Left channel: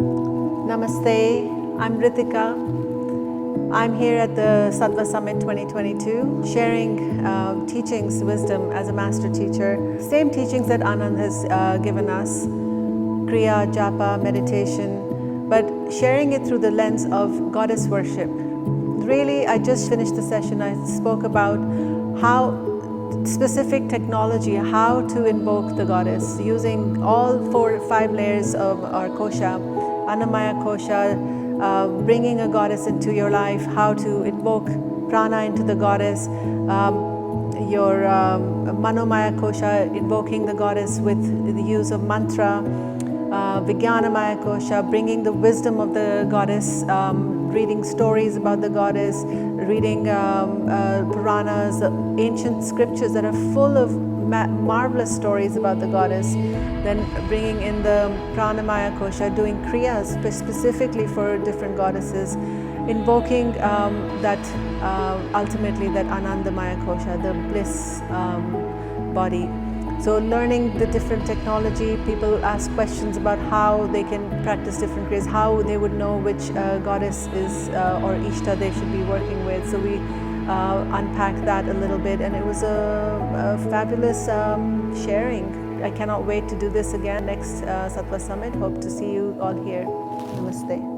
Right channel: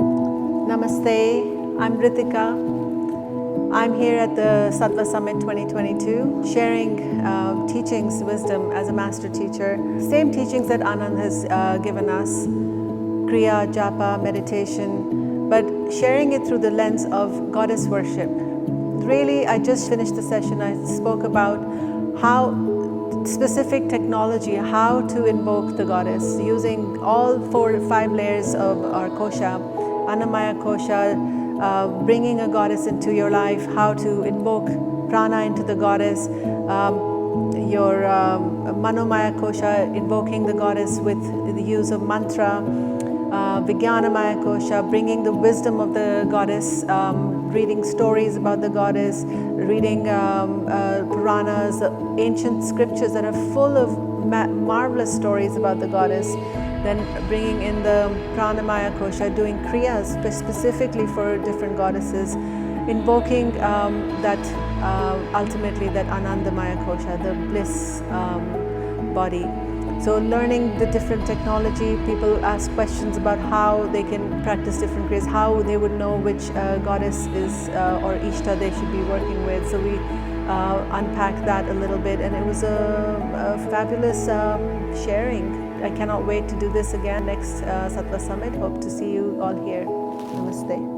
Namaste, I'm Ritika. I'm here at the Sattva Summit 2022 sharing teachings, wisdom as a master teacher. Same teachings that Anand has given us, Kriya, Japa, meditation, but sharing it through the lens of goddess worship. Really, I just finished the session. I spoke about how specific technology, how to invoke the goddess using all 4 or 5 layers of our kosha, Annamaya kosha, bringing a goddess into your life, how to invoke prana into the goddess, your Manomaya kosha, invoking the goddess with the use of mantra, Vijnanamaya kosha, bringing the wisdom of the goddess, reading stories about the goddess, reading Puranas, ancient scriptures that are full of marvelous stories about the goddess. Then bringing in the Pranamaya kosha, doing kriyas specifically for different goddesses, invoking that ultimately that Anandamaya kosha, the bliss body. So learning the different technology, people ask questions about how they can practice different kriyas, how they would know which goddess is or ishta they should be working with. So we unpack that a little bit, and it was a fabulous sharing. I cannot wait to do this again next Sattva Summit. Hope to see you all here. Namaste.